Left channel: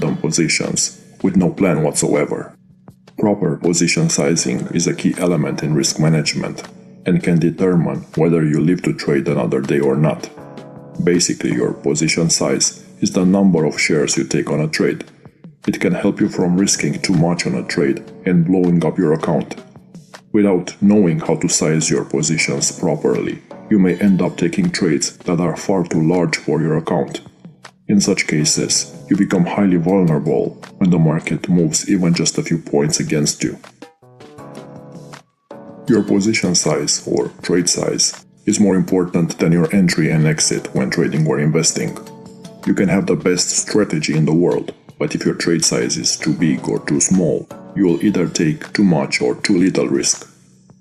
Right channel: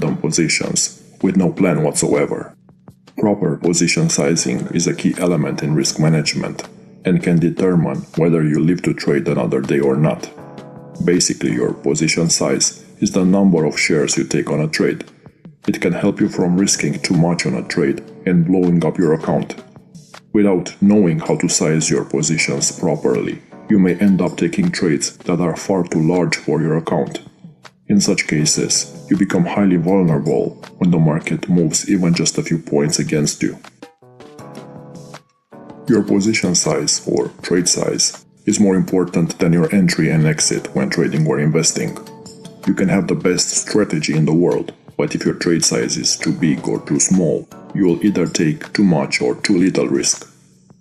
random positions with no plan whatsoever. Proper position sizing is a key element in risk management and can determine whether you live to trade another day or not. Basically, your position size is the number of shares you take on a trade. It can help you from risking too much on a trade and blowing up your account. Without knowing how to size your positions properly, you may end up taking trades that are far too large for your account. In such cases, you become highly vulnerable when the market moves even just a few points against you. Your position size, or trade size, is more important than your entry and exit when trading or investing. You can have the best strategy in the world, but if your trade size is too big or too small, you will either take too much or too little risk.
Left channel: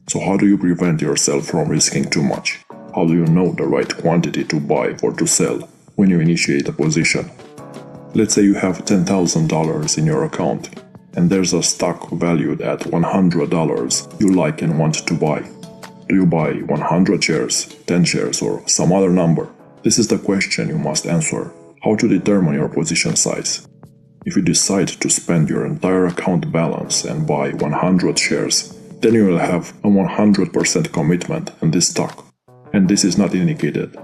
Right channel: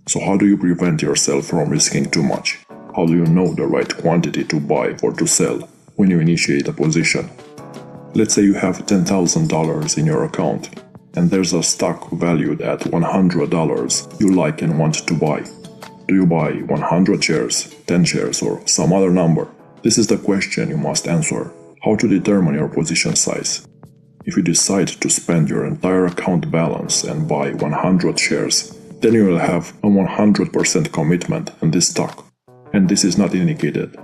So how do you prevent yourself from risking too much? How do you know the right quantity to buy or to sell when you initiate a position? Let's say you have $10,000 in your account and there's a stock valued at $100 you like and want to buy. Do you buy 100 shares, 10 shares, or some other number? This is the question you must answer. How to determine your position size? If you decide to spend your entire account balance and buy 100 shares, then you will have a 100% commitment in this stock. And this is not indicated.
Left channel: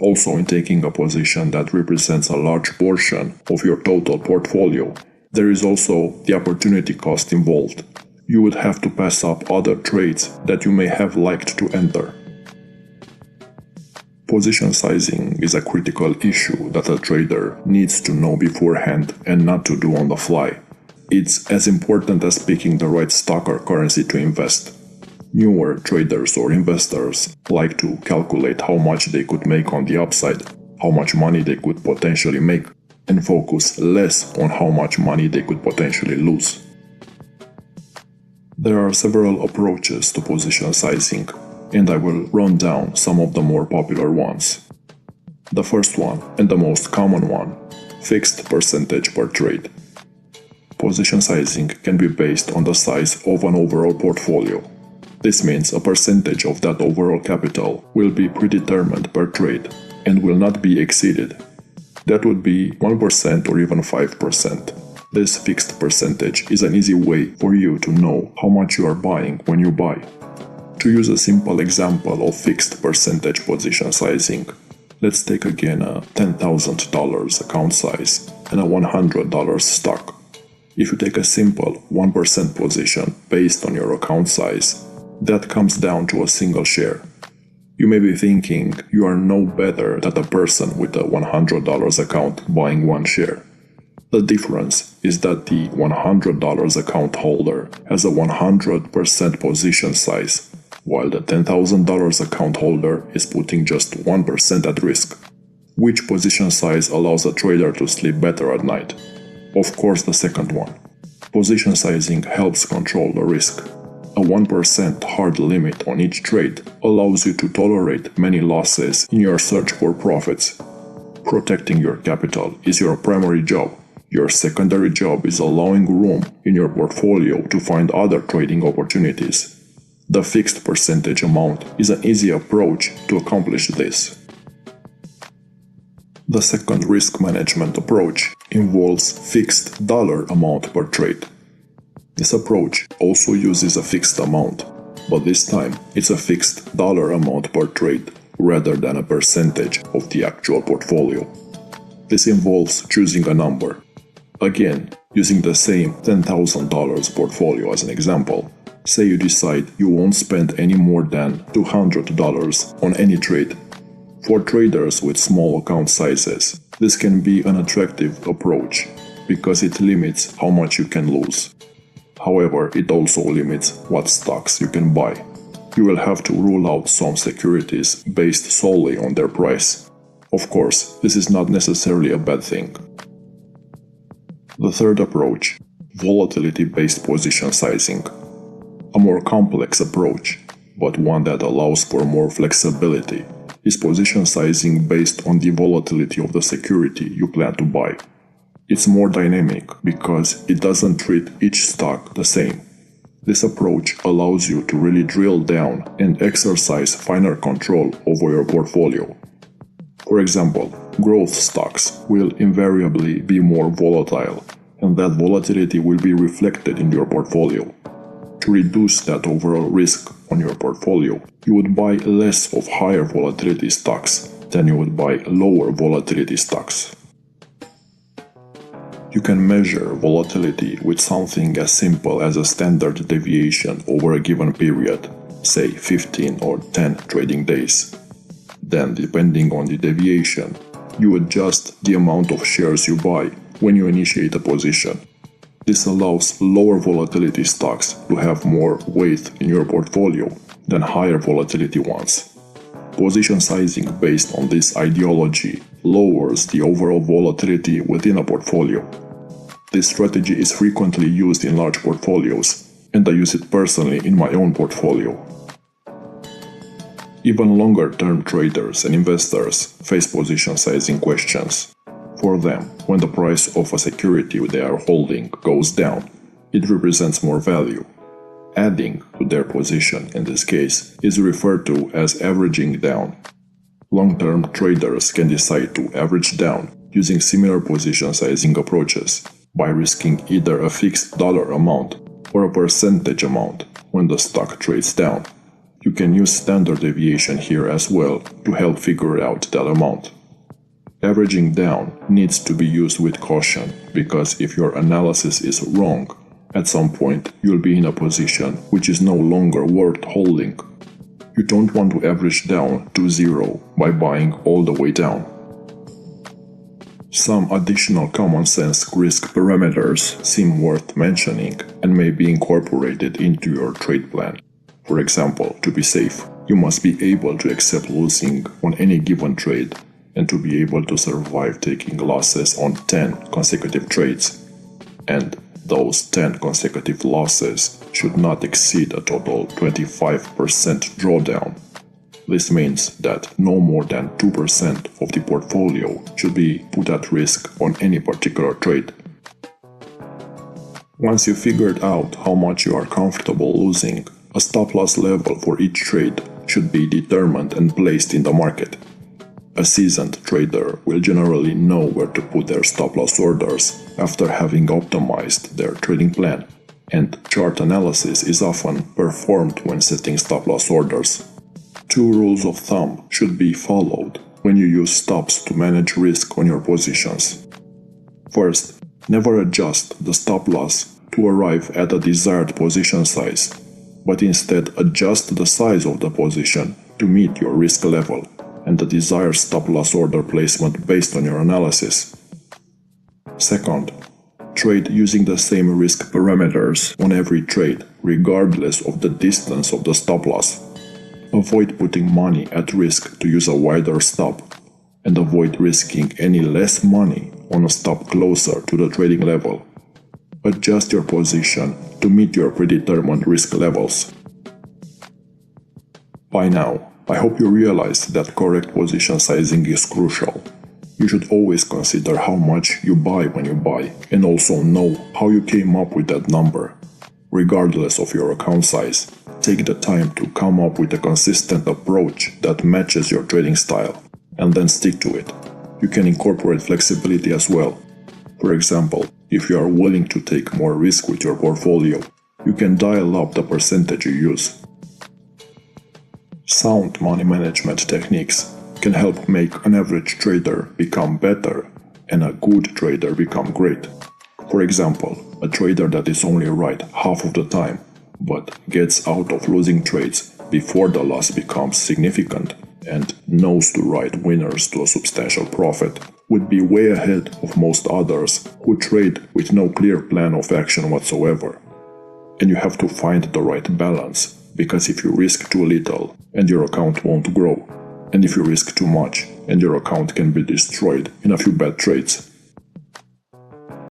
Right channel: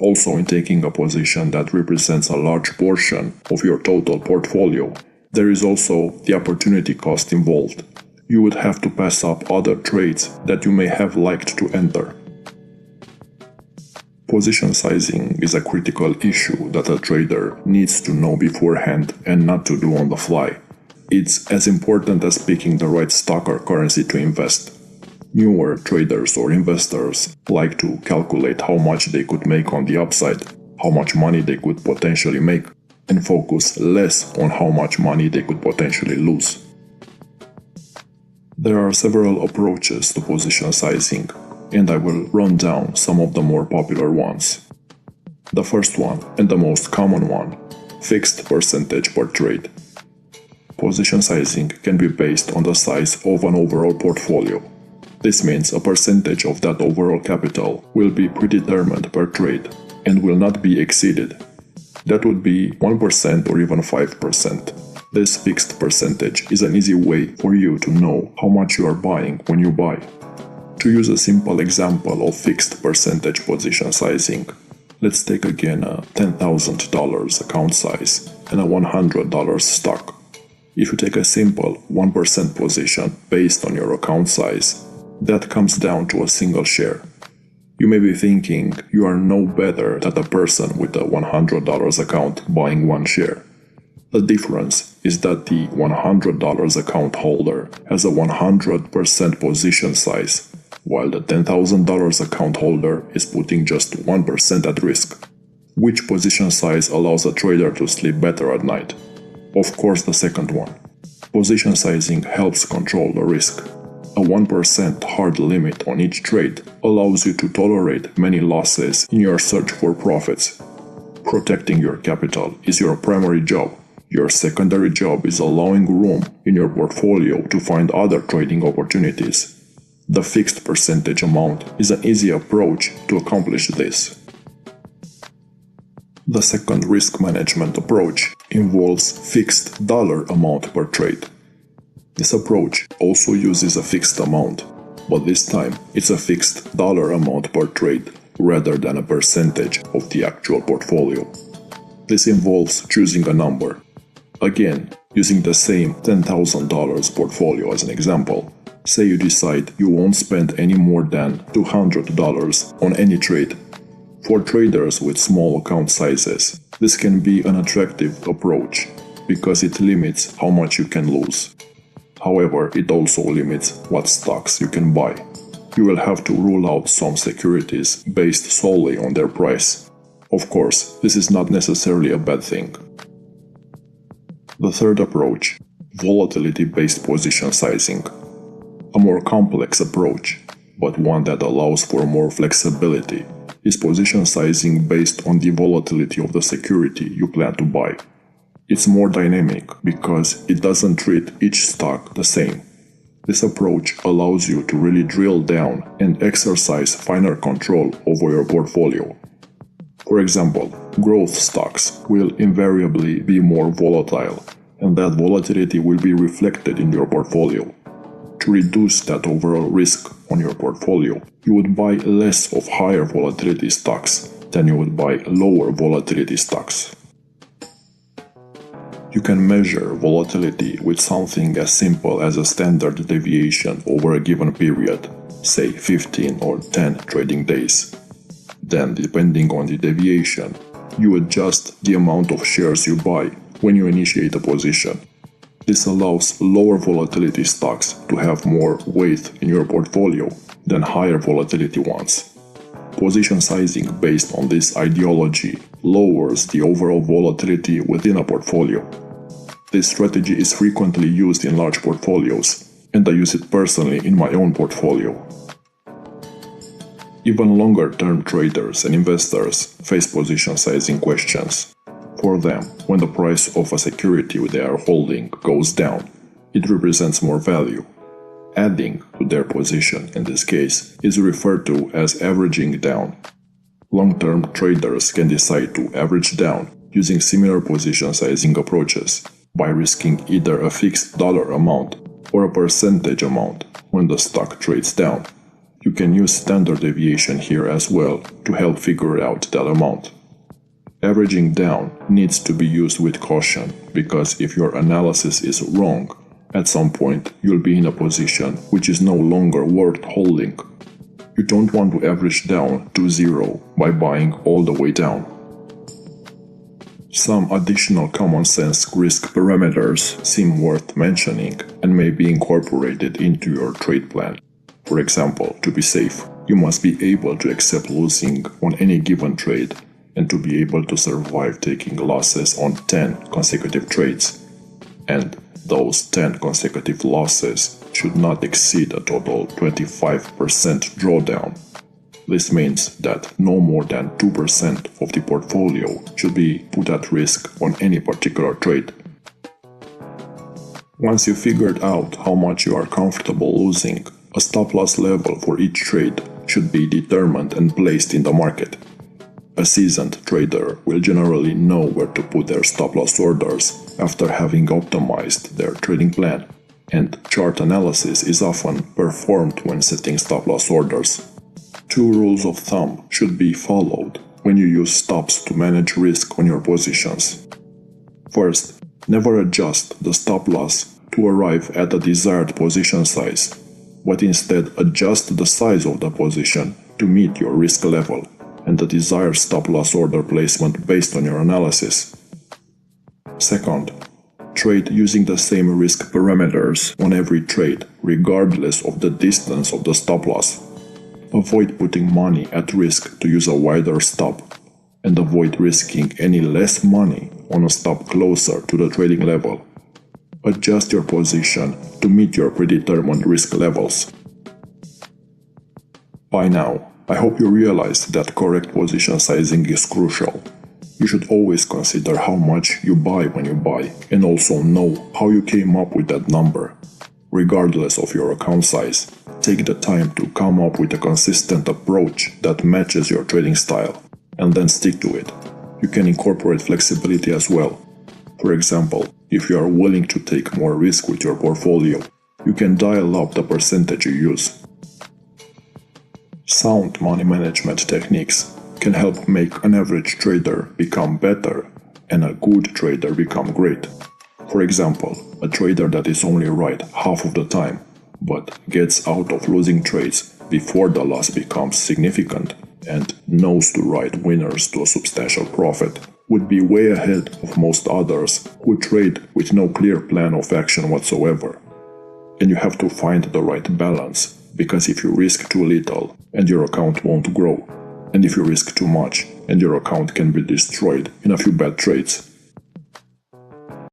Also, in taking a position that represents a large portion of your total portfolio, there is also the opportunity cost involved. You would have to pass up other trades that you may have liked to enter. Position sizing is a critical issue that a trader needs to know beforehand and not to do on the fly. It's as important as picking the right stock or currency to invest. Newer traders or investors like to calculate how much they could make on the upside, how much money they could potentially make, and focus less on how much money they could potentially lose. There are several approaches to position sizing, and I will run down some of the more popular ones. The first one, and the most common one, fixed percentage per trade. Position sizing can be based on the size of an overall portfolio. This means a percentage of that overall capital will be predetermined per trade and will not be exceeded. That would be 1% or even 5%. This fixed percentage is an easy way for you to know how much you are buying when you buy. To use a simple example of fixed percentage position sizing, let's take again a $10,000 account size and a $100 stock. If you take a simple 1% position based on your account size, that comes down to a single share. You may be thinking you are no better than a person with a $100 account buying one share. The difference is that the $100 account holder has a 100% position size, while the $10,000 account holder is putting just 1% at risk. Which position size allows a trader to sleep better at night? Of course, the second one. Position sizing helps control the risk. A 1% hard limit on each trade allows you to tolerate many losses in your search for profits. Protecting your capital is your primary job. Your secondary job is allowing room in your portfolio to find other trading opportunities. The fixed percentage amount is an easy approach to accomplish this. The second risk management approach involves fixed dollar amount per trade. This approach also uses a fixed amount, but this time it's a fixed dollar amount per trade rather than a percentage of the actual portfolio. This involves choosing a number. Again, using the same $10,000 portfolio as an example, say you decide you won't spend any more than $200 on any trade. For traders with small account sizes, this can be an attractive approach because it limits how much you can lose. However, it also limits what stocks you can buy. You will have to rule out some securities based solely on their price. Of course, this is not necessarily a bad thing. The third approach, volatility-based position sizing. A more complex approach, but one that allows for more flexibility, is position sizing based on the volatility of the security you plan to buy. It's more dynamic because it doesn't treat each stock the same. This approach allows you to really drill down and exercise finer control over your portfolio. For example, growth stocks will invariably be more volatile, and that volatility will be reflected in your portfolio. To reduce that overall risk on your portfolio, you would buy less of higher volatility stocks than you would buy lower volatility stocks. You can measure volatility with something as simple as a standard deviation over a given period, say 15 or 10 trading days. Then, depending on the deviation, you adjust the amount of shares you buy when you initiate a position. This allows lower volatility stocks to have more weight in your portfolio than higher volatility ones. Position sizing based on this ideology lowers the overall volatility within a portfolio. This strategy is frequently used in large portfolios, and I use it personally in my own portfolio. Even longer-term traders and investors face position sizing questions. For them, when the price of a security they are holding goes down, it represents more value. Adding to their position in this case is referred to as averaging down. Long-term traders can decide to average down using similar position sizing approaches by risking either a fixed dollar amount or a percentage amount when the stock trades down. You can use standard deviation here as well to help figure out that amount. Averaging down needs to be used with caution because if your analysis is wrong, at some point you'll be in a position which is no longer worth holding. You don't want to average down to zero by buying all the way down. Some additional common sense risk parameters seem worth mentioning and may be incorporated into your trade plan. For example, to be safe, you must be able to accept losing on any given trade and to be able to survive taking losses on 10 consecutive trades. And those 10 consecutive losses should not exceed a total 25% drawdown. This means that no more than 2% of the portfolio should be put at risk on any particular trade. Once you figured out how much you are comfortable losing, a stop-loss level for each trade should be determined and placed in the market. A seasoned trader will generally know where to put their stop-loss orders after having optimized their trading plan, and chart analysis is often performed when setting stop-loss orders. 2 rules of thumb should be followed when you use stops to manage risk on your positions. First, never adjust the stop-loss to arrive at a desired position size, but instead adjust the size of the position to meet your risk level and the desired stop-loss order placement based on your analysis. Second, trade using the same risk parameters on every trade, regardless of the distance of the stop-loss. Avoid putting money at risk to use a wider stop, and avoid risking any less money on a stop closer to the trading level. Adjust your position to meet your predetermined risk levels. By now, I hope you realize that correct position sizing is crucial. You should always consider how much you buy when you buy, and also know how you came up with that number. Regardless of your account size, take the time to come up with a consistent approach that matches your trading style, and then stick to it. You can incorporate flexibility as well. For example, if you are willing to take more risk with your portfolio, you can dial up the percentage you use. Sound money management techniques can help make an average trader become better and a good trader become great. For example, a trader that is only right half of the time, but gets out of losing trades before the loss becomes significant and knows to ride winners to a substantial profit, would be way ahead of most others who trade with no clear plan of action whatsoever. And you have to find the right balance, because if you risk too little and your account won't grow, and if you risk too much and your account can be destroyed in a few bad trades,